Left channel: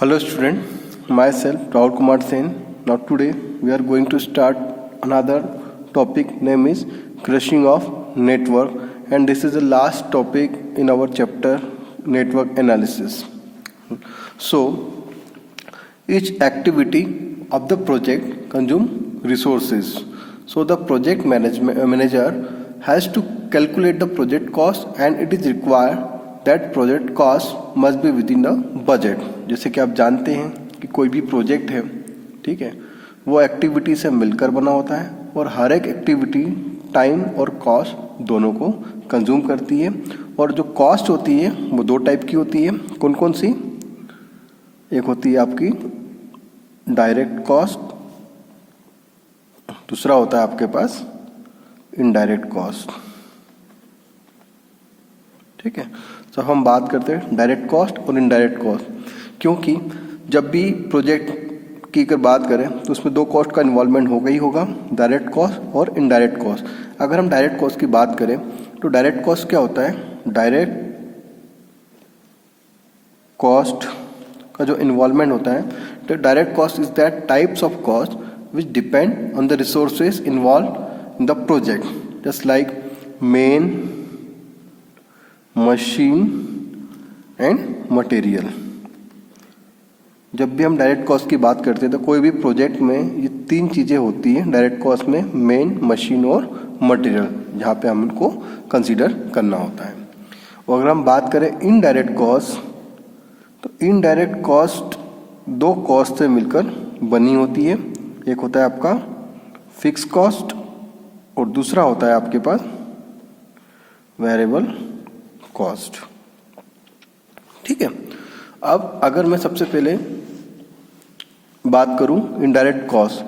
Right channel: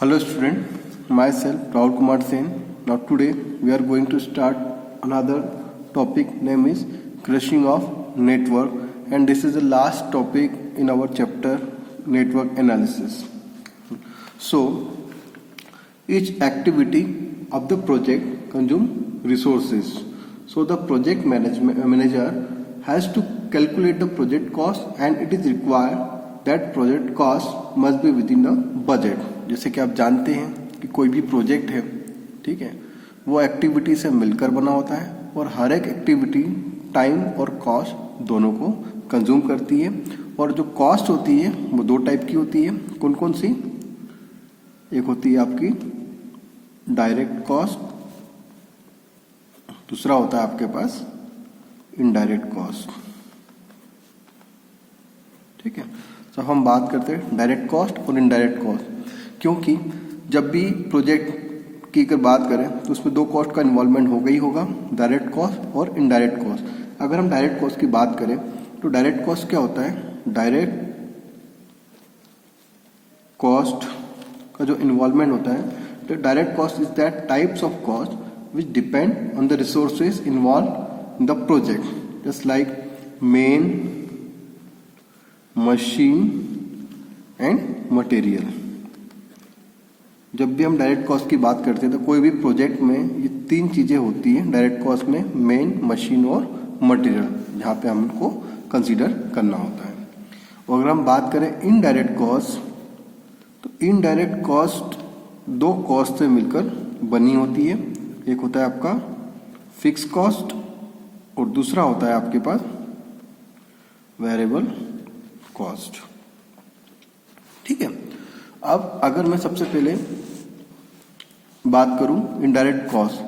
Hello student, myself Rahul Kumar Sen. Now today we are going to start another topic name is crushing of network, and this is the last topic in our chapter network analysis. So each activity of the project consume resources. So the project manager has to calculate the project cost and it is required that project cost must be within the budget. जैसे कि आप जानते हैं कि कोई भी project है, ठीक है, वो एक्टिविटी से मिलकर बना होता है और हर एक एक्टिविटी टाइम और कॉस्ट दोनों को कंज्यूम करती है। और जो कॉस्ट होती है वो दो टाइप की होती है। कौन कौन सी? एक होती है आपकी डायरेक्ट कॉस्ट, दूसरा होता है आपके पास इनडायरेक्ट कॉस्ट। ठीक है, तो हम बात करते हैं डायरेक्ट कॉस्ट और इनडायरेक्ट कॉस्ट, क्योंकि जब भी प्रोजेक्ट की अगर बात करें तो उसमें दो कॉस्ट का इन्वॉल्वमेंट होगा ही होगा, डायरेक्ट कॉस्ट और इनडायरेक्ट कॉस्ट। अगर हम डायरेक्ट कॉस्ट की बात करें तो डायरेक्ट कॉस्ट क्या होता है? डायरेक्ट कॉस्ट का जो इन्वॉल्वमेंट होता है, तो direct cost is that types of cost which depend on the resources involve in the project, just like main, machine and material. जब भी हम डायरेक्ट कॉस्ट की बात करते हैं तो कोई भी प्रोजेक्ट में ये तीन चीज़ें होती हैं डायरेक्ट कॉस्ट में, मेन, मशीन और मटेरियल, जहाँ पे हम इनको कंसीडर करना होता है। और अगर हम बात करें इनडायरेक्ट कॉस्ट, तो इनडायरेक्ट कॉस्ट दो कॉस्ट से मिलकर बनी होती है। एक होता है आपका फिक्स कॉस्ट और दूसरा होता है आपके पास वेरिएबल कॉस्ट। ठीक है, अब अगर मैं सबसे पहले बात करूं इनडायरेक्ट कॉस्ट,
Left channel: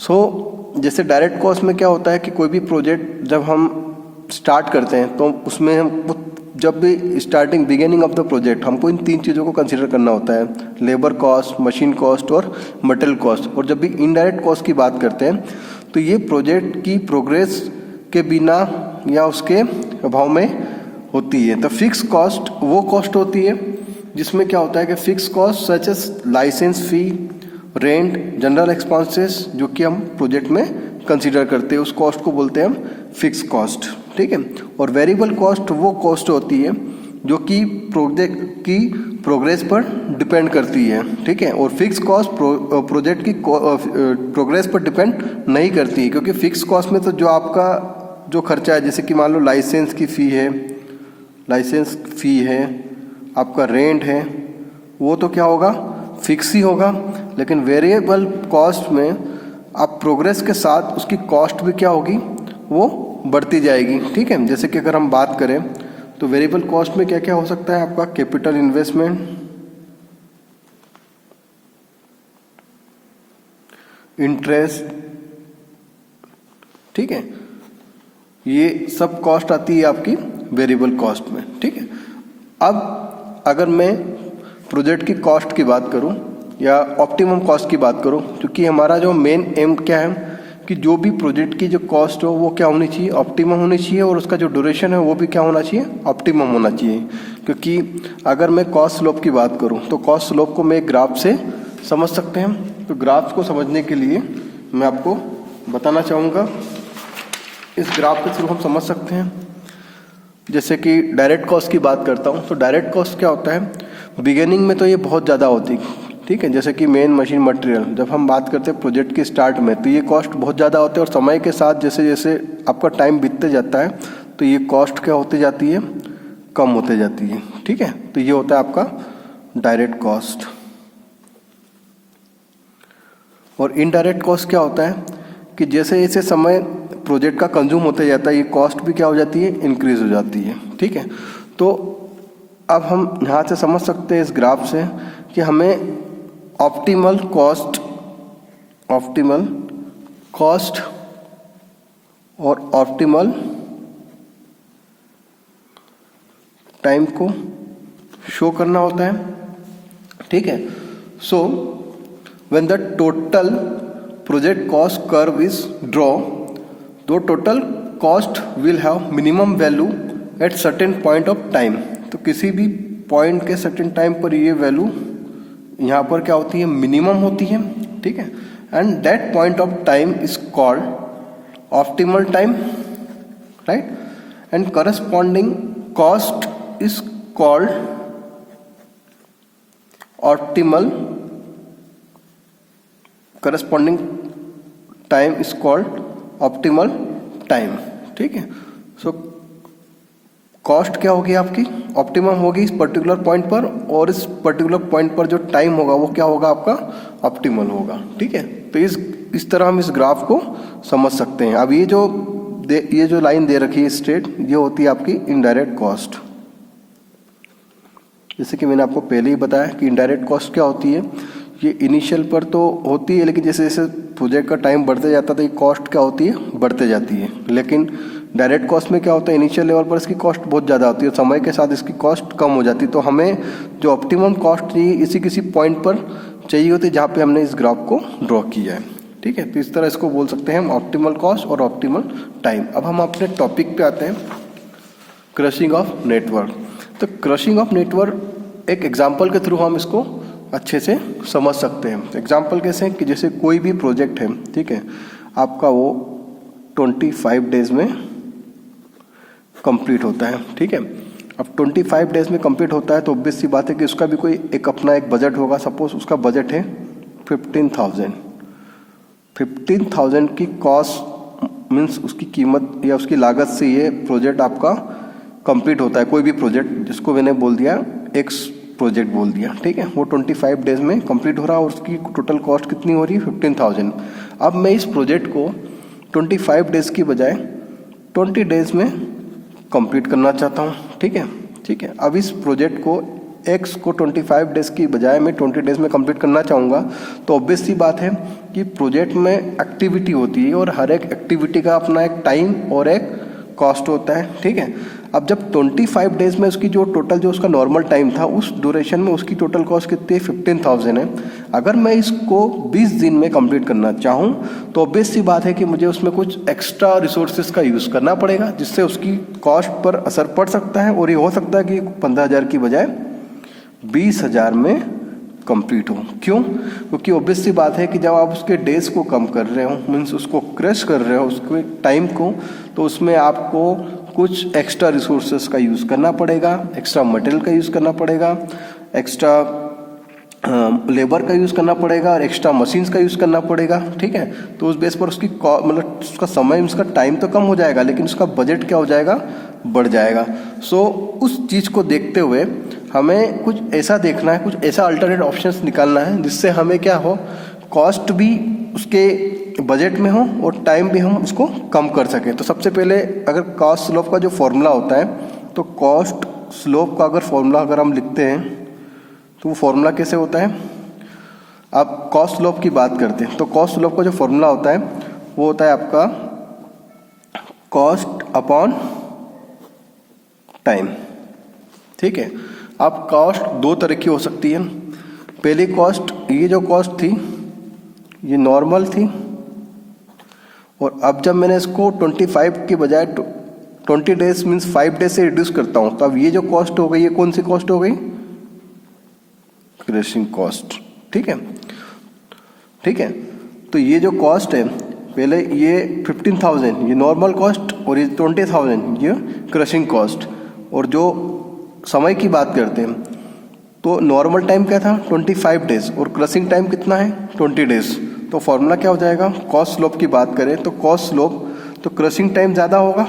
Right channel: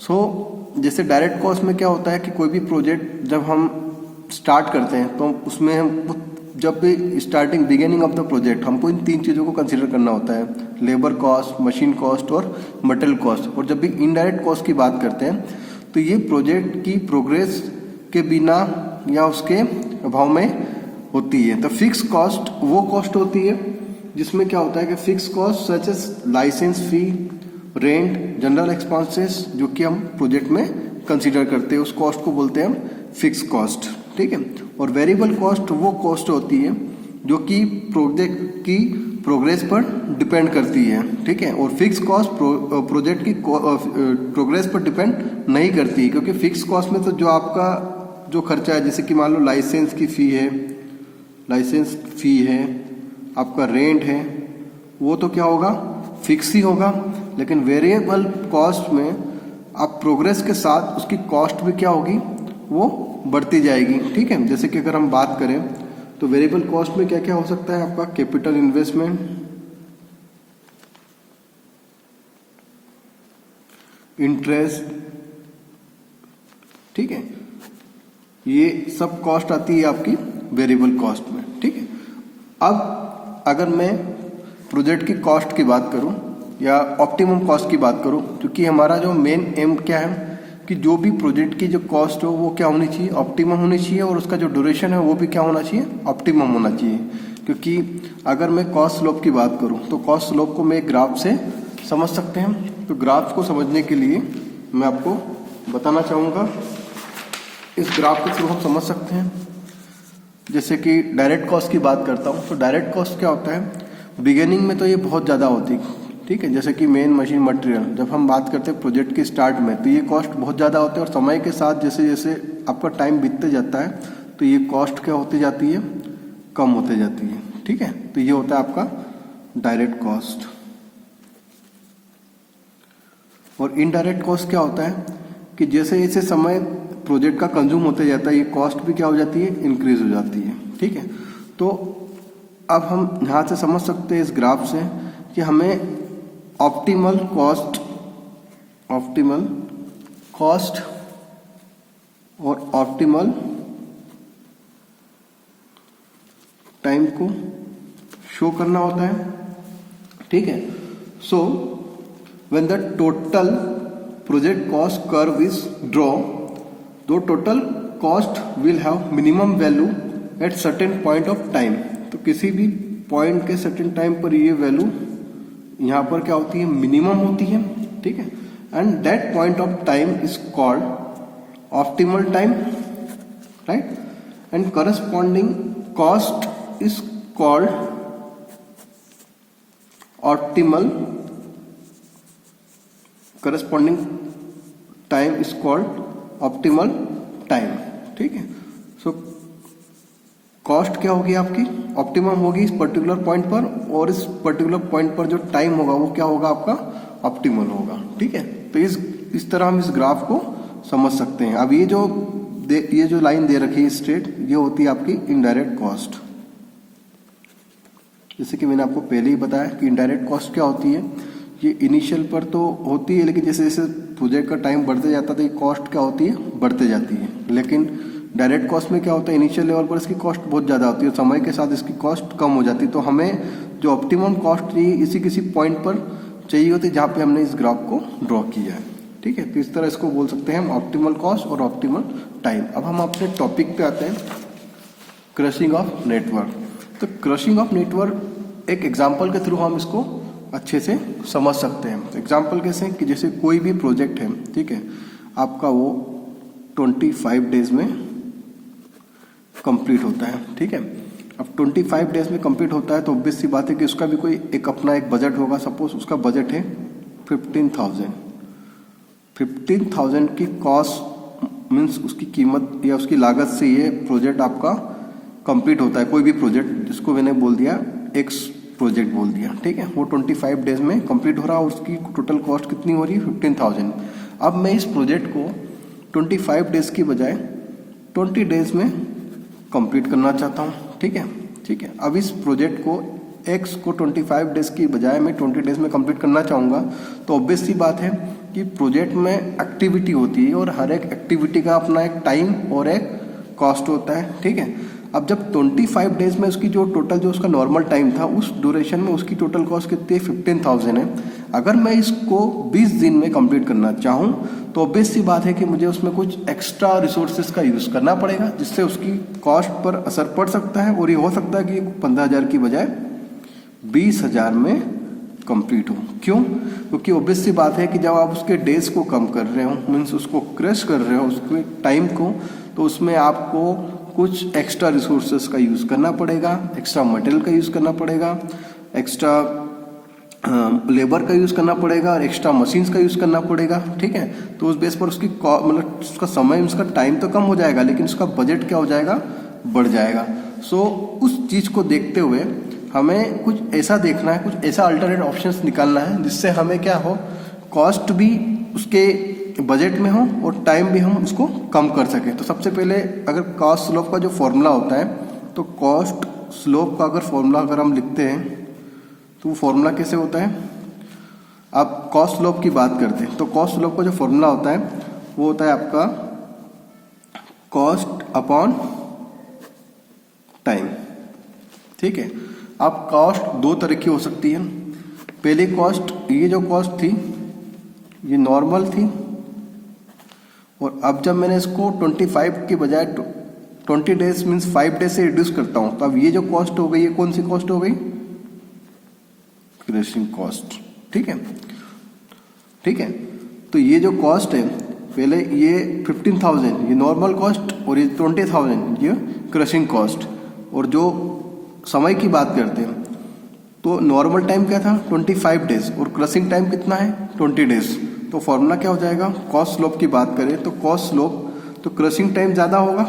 सो जैसे डायरेक्ट कॉस्ट में क्या होता है कि कोई भी प्रोजेक्ट जब हम स्टार्ट करते हैं तो उसमें हम जब भी starting beginning of the project हमको इन तीन चीज़ों को कंसीडर करना होता है, लेबर कॉस्ट, मशीन कॉस्ट और मटेरियल कॉस्ट। और जब भी इनडायरेक्ट कॉस्ट की बात करते हैं तो ये प्रोजेक्ट की प्रोग्रेस के बिना या उसके अभाव में होती है। तो फिक्स कॉस्ट वो कॉस्ट होती है जिसमें क्या होता है कि fix cost such as licence fee, rent, general expenses, जो कि हम प्रोजेक्ट में कंसीडर करते हैं, उस कॉस्ट को बोलते हैं हम फिक्स कॉस्ट। ठीक है, और वेरिएबल कॉस्ट वो कॉस्ट होती है जो कि प्रोजेक्ट की प्रोग्रेस पर डिपेंड करती है। ठीक है, और फिक्स कॉस्ट प्रोजेक्ट की प्रोग्रेस पर डिपेंड नहीं करती है, क्योंकि फिक्स कॉस्ट में तो जो आपका जो खर्चा है, जैसे कि मान लो लाइसेंस की फ़ी है, लाइसेंस फी है, आपका रेंट है, वो तो क्या होगा? फिक्स ही होगा। लेकिन वेरिएबल कॉस्ट में आप प्रोग्रेस के साथ उसकी कॉस्ट भी क्या होगी? वो बढ़ती जाएगी। ठीक है, जैसे कि अगर हम बात करें तो वेरिएबल कॉस्ट में क्या क्या हो सकता है आपका? कैपिटल इन्वेस्टमेंट, इंटरेस्ट, ठीक है, ये सब कॉस्ट आती है आपकी वेरिएबल कॉस्ट में। ठीक है, अब अगर मैं प्रोजेक्ट की कॉस्ट की बात करूं या ऑप्टिमम कॉस्ट की बात करूं, क्योंकि हमारा जो मेन एम क्या है कि जो भी प्रोजेक्ट की जो कॉस्ट हो वो क्या होनी चाहिए? ऑप्टिमम होनी चाहिए, और उसका जो ड्यूरेशन है वो भी क्या होना चाहिए? ऑप्टिमम होना चाहिए। क्योंकि अगर मैं कॉस्ट स्लोप की बात करूं तो कॉस्ट स्लोप को मैं एक ग्राफ से समझ सकते हैं। तो ग्राफ को समझने के लिए मैं आपको बताना चाहूँगा, इस ग्राफ के थ्रू हम समझ सकते हैं। जैसे कि डायरेक्ट कॉस्ट की बात करता हूँ तो डायरेक्ट कॉस्ट क्या होता है? बिगिनिंग में तो ये बहुत ज़्यादा होती है। ठीक है, जैसे कि मेन, मशीन, मटेरियल, जब हम बात करते हैं प्रोजेक्ट के स्टार्ट में तो ये कॉस्ट बहुत ज़्यादा होते हैं, और समय के साथ जैसे जैसे आपका टाइम बीतते जाता है तो ये कॉस्ट क्या होती जाती है? कम होते जाती है। ठीक है, तो ये होता है आपका डायरेक्ट कॉस्ट। और इनडायरेक्ट कॉस्ट क्या होता है कि जैसे जैसे समय प्रोजेक्ट का कंज्यूम होते जाता है, ये कॉस्ट भी क्या हो जाती है? इंक्रीज हो जाती है। ठीक है, तो अब हम यहाँ से समझ सकते हैं इस ग्राफ से कि हमें ऑप्टिमल कॉस्ट और ऑप्टिमल टाइम को शो करना होता है। ठीक है, so when the total project cost curve is draw, the total cost will have minimum value at certain point of time। तो किसी भी पॉइंट के सर्टेन टाइम पर ये वैल्यू यहाँ पर क्या होती है, मिनिमम होती है, ठीक है, and that point of time is called optimal time, right, and corresponding cost is called optimal, corresponding time is called optimal time, ठीक है। सो कॉस्ट क्या होगी आपकी, ऑप्टिमम होगी इस पर्टिकुलर पॉइंट पर, और इस पर्टिकुलर पॉइंट पर जो टाइम होगा वो क्या होगा आपका, ऑप्टिमल होगा, ठीक है। तो इस तरह हम इस ग्राफ को समझ सकते हैं। अब ये जो लाइन दे रखी है स्ट्रेट, ये होती है आपकी इनडायरेक्ट कॉस्ट। जैसे कि मैंने आपको पहले ही बताया कि इनडायरेक्ट कॉस्ट क्या होती है, ये इनिशियल पर तो होती है, लेकिन जैसे जैसे प्रोजेक्ट का टाइम बढ़ते जाता है तो ये कॉस्ट क्या होती है, बढ़ते जाती है। लेकिन डायरेक्ट कॉस्ट में क्या होता है, इनिशियल लेवल पर इसकी कॉस्ट बहुत ज़्यादा होती है, समय के साथ इसकी कॉस्ट कम हो जाती है। तो हमें जो ऑप्टिमम कॉस्ट चाहिए इसी किसी पॉइंट पर चाहिए होती है जहाँ पे हमने इस ग्राफ को ड्रॉ किया है, ठीक है। तो इस तरह इसको बोल सकते हैं हम ऑप्टिमल कॉस्ट और ऑप्टिमल टाइम। अब हम अपने टॉपिक पे आते हैं, क्रशिंग ऑफ नेटवर्क। तो क्रशिंग ऑफ नेटवर्क एक एग्जाम्पल के थ्रू हम इसको अच्छे से समझ सकते हैं। एग्जाम्पल कैसे, कि जैसे कोई भी प्रोजेक्ट है, ठीक है, आपका वो 25 डेज में कंप्लीट होता है, ठीक है। अब 25 डेज में कंप्लीट होता है तो ऑब्वियस सी बात है कि उसका भी कोई अपना एक बजट होगा। सपोज उसका बजट है 15,000 की कॉस्ट मीन्स उसकी कीमत या उसकी लागत से ये प्रोजेक्ट आपका कंप्लीट होता है। कोई भी प्रोजेक्ट, जिसको मैंने बोल दिया एक्स प्रोजेक्ट बोल दिया, ठीक है, वो 25 डेज में कंप्लीट हो रहा है और उसकी टोटल कॉस्ट कितनी हो रही है, 15,000। अब मैं इस प्रोजेक्ट को 25 डेज की बजाय 20 डेज में कंप्लीट करना चाहता हूँ, ठीक है, ठीक है। अब इस प्रोजेक्ट को एक्स को 25 डेज की बजाय मैं 20 डेज में कंप्लीट करना चाहूँगा, तो ऑब्वियस सी बात है कि प्रोजेक्ट में एक्टिविटी होती है और हर एक एक्टिविटी का अपना एक टाइम और एक कॉस्ट होता है, ठीक है। अब जब 25 डेज में उसकी जो टोटल जो उसका नॉर्मल टाइम था, उस ड्यूरेशन में उसकी टोटल कॉस्ट कितनी है, 15,000 है। अगर मैं इसको 20 दिन में कंप्लीट करना चाहूँ तो ऑब्वियस सी बात है कि मुझे उसमें कुछ एक्स्ट्रा रिसोर्सेज का यूज़ करना पड़ेगा, जिससे उसकी कॉस्ट पर असर पड़ सकता है और ये हो सकता है कि 15,000 की बजाय 20,000 में कंप्लीट हो। क्यों? क्योंकि ऑब्वियस सी बात है कि जब आप उसके डेज को कम कर रहे हो, मीन्स उसको क्रश कर रहे हो उसके टाइम को, तो उसमें आपको कुछ एक्स्ट्रा रिसोर्सेज का यूज़ करना पड़ेगा, एक्स्ट्रा मटेरियल का यूज़ करना पड़ेगा, एक्स्ट्रा लेबर का यूज़ करना पड़ेगा और एक्स्ट्रा मशीन्स का यूज़ करना पड़ेगा, ठीक है। तो उस बेस पर उसकी मतलब उसका समय, उसका टाइम तो कम हो जाएगा, लेकिन उसका बजट क्या हो जाएगा, बढ़ जाएगा। सो उस चीज़ को देखते हुए हमें कुछ ऐसा देखना है, कुछ ऐसा अल्टरनेट ऑप्शंस निकालना है जिससे हमें क्या हो, कॉस्ट भी उसके बजट में हो और टाइम भी हम उसको कम कर सकें। तो सबसे पहले अगर कॉस्ट स्लोप का जो फॉर्मूला होता है, तो कॉस्ट स्लोप का अगर फॉर्मूला अगर हम लिखते हैं तो वो फॉर्मूला कैसे होता है। अब कॉस्ट स्लोप की बात करते हैं तो कॉस्ट स्लोप का जो फॉर्मूला होता है वो होता है आपका कॉस्ट अपॉन टाइम, ठीक है। अब कॉस्ट दो तरह की हो सकती है। पहली कॉस्ट, ये जो कॉस्ट थी ये नॉर्मल थी, और अब जब मैंने इसको 25 की बजाय 20 डेज मीन्स 5 डेज से रिड्यूस करता हूं, तो अब ये जो कॉस्ट हो गई, ये कौन सी कॉस्ट हो गई, क्रशिंग कॉस्ट, ठीक है, ठीक है। तो ये जो कॉस्ट है, पहले ये 15,000 ये नॉर्मल कॉस्ट और ये 20,000 ये क्रशिंग कॉस्ट। और जो समय की बात करते हैं तो नॉर्मल टाइम क्या था, 25 डेज, और क्रशिंग टाइम कितना है, 20 डेज। तो फॉर्मूला क्या हो जाएगा, कॉस्ट स्लोप की बात करें तो कॉस्ट स्लोप, तो क्रशिंग टाइम ज़्यादा होगा,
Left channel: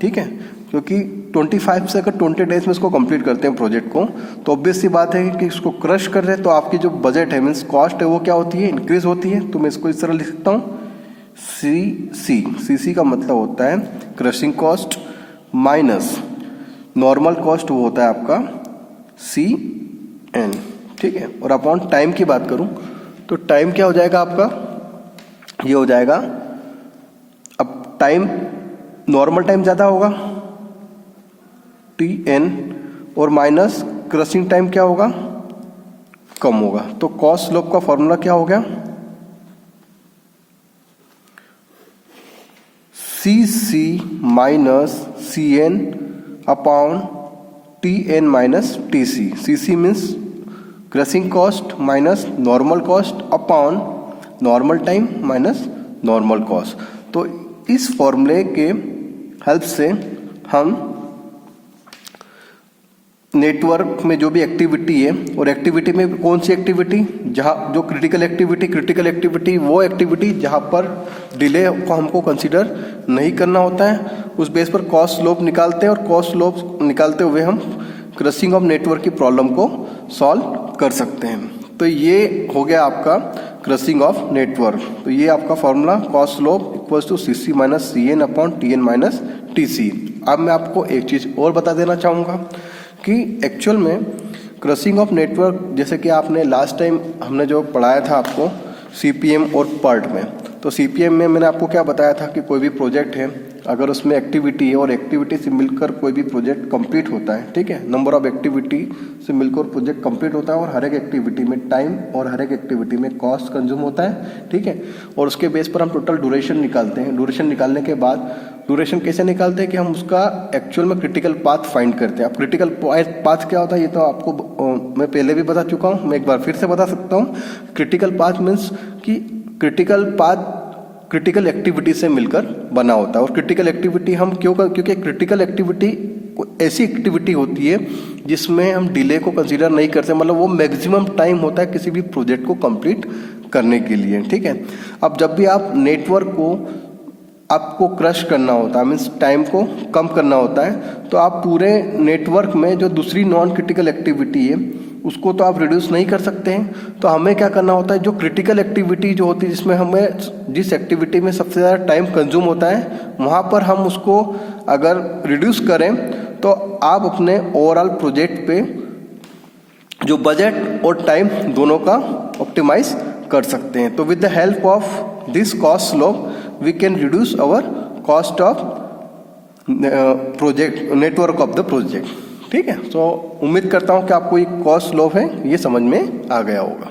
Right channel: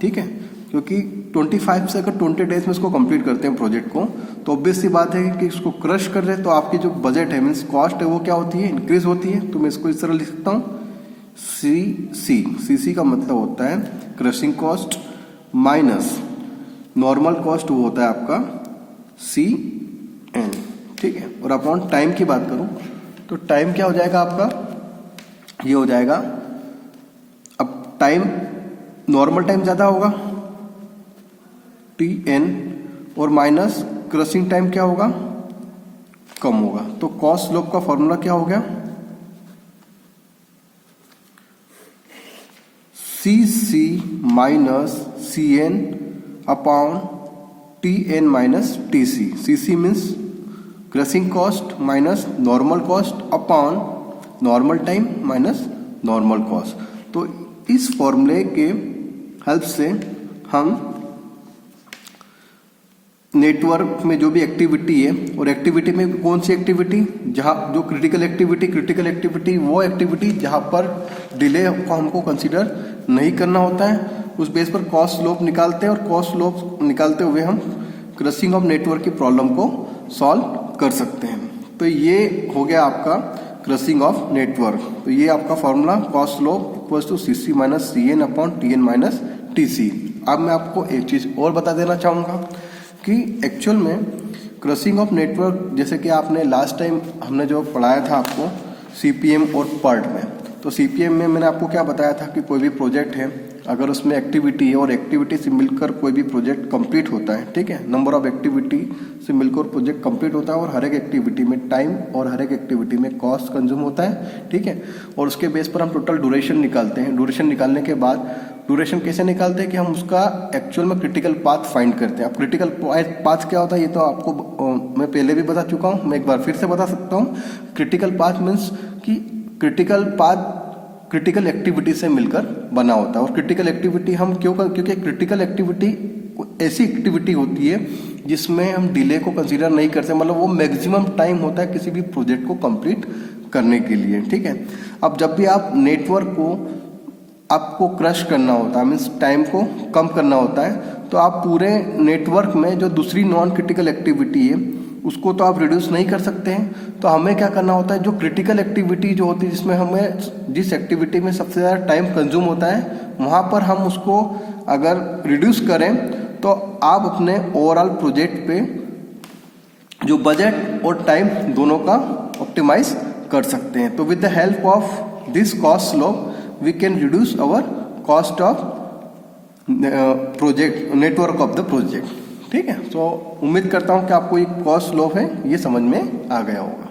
ठीक है, क्योंकि 25 से अगर 20 डेज में इसको कंप्लीट करते हैं प्रोजेक्ट को, तो ऑब्वियस सी बात है कि इसको क्रश कर रहे हैं तो आपकी जो बजट है मीन्स कॉस्ट है वो क्या होती है, इंक्रीज होती है। तो मैं इसको इस तरह लिख सकता हूँ, सी का मतलब होता है crushing cost minus normal cost, वो होता है आपका CN, ठीक है। और अपॉन टाइम की बात करूं तो टाइम क्या हो जाएगा आपका, ये हो जाएगा, अब टाइम नॉर्मल टाइम ज्यादा होगा TN, और माइनस क्रशिंग टाइम क्या होगा, कम होगा। तो कॉस्ट स्लोप का फॉर्मूला क्या हो गया, CC minus CN upon TN minus TC। CC means crushing cost minus normal cost upon normal time minus normal cost. तो इस फॉर्मूले के हेल्प से हम नेटवर्क में जो भी एक्टिविटी है, और एक्टिविटी में कौन सी एक्टिविटी, जहाँ जो क्रिटिकल एक्टिविटी वो एक्टिविटी जहाँ पर डिले को हमको कंसीडर नहीं करना होता है, उस बेस पर कॉस्ट स्लोप निकालते हैं, और कॉस्ट स्लोप निकालते हुए हम क्रशिंग ऑफ नेटवर्क की प्रॉब्लम को सॉल्व कर सकते हैं। तो ये हो गया आपका क्रशिंग ऑफ नेटवर्क। तो ये आपका formula cost slope equals to CC minus CN upon TN minus TC। अब मैं आपको एक चीज और बता देना चाहूँगा कि एक्चुअल में क्रशिंग ऑफ नेटवर्क, जैसे कि आपने लास्ट टाइम हमने जो पढ़ाया था आपको CPM और PERT में, तो CPM में मैंने आपको क्या बताया था कि कोई भी प्रोजेक्ट है, अगर उसमें एक्टिविटी है और एक्टिविटी से मिलकर कोई भी प्रोजेक्ट कंप्लीट होता है, ठीक है, नंबर ऑफ एक्टिविटी से मिलकर प्रोजेक्ट कंप्लीट होता है, और हर एक एक्टिविटी में टाइम और हर एक एक्टिविटी में कॉस्ट कंज्यूम होता है, ठीक है, और उसके बेस पर हम टोटल ड्यूरेशन निकालते हैं। ड्यूरेशन निकालने के बाद ड्यूरेशन कैसे निकालते हैं कि हम उसका एक्चुअल में क्रिटिकल पाथ फाइंड करते हैं। अब क्रिटिकल पाथ क्या होता है ये तो आपको मैं पहले भी बता चुका हूँ, मैं एक बार फिर से बता सकता हूँ। क्रिटिकल पाथ मीन्स कि क्रिटिकल पाथ क्रिटिकल एक्टिविटी से मिलकर बना होता है। और क्रिटिकल एक्टिविटी हम क्योंकि क्रिटिकल एक्टिविटी ऐसी एक्टिविटी होती है जिसमें हम डिले को कंसीडर नहीं करते, मतलब वो मैक्सिमम टाइम होता है किसी भी प्रोजेक्ट को कंप्लीट करने के लिए, ठीक है। अब जब भी आप नेटवर्क को आपको क्रश करना होता है, मीन्स टाइम को कम करना होता है, तो आप पूरे नेटवर्क में जो दूसरी नॉन क्रिटिकल एक्टिविटी है उसको तो आप रिड्यूस नहीं कर सकते हैं। तो हमें क्या करना होता है, जो क्रिटिकल एक्टिविटी जो होती है जिसमें हमें जिस एक्टिविटी में सबसे ज़्यादा टाइम कंज्यूम होता है वहाँ पर हम उसको अगर रिड्यूस करें तो आप अपने ओवरऑल प्रोजेक्ट पे जो बजट और टाइम दोनों का ऑप्टिमाइज कर सकते हैं। तो with the help of this cost slope we can reduce our cost of project network of the project, ठीक है। तो उम्मीद करता हूँ कि आपको ये कॉस्ट स्लोप है ये समझ में आ गया होगा।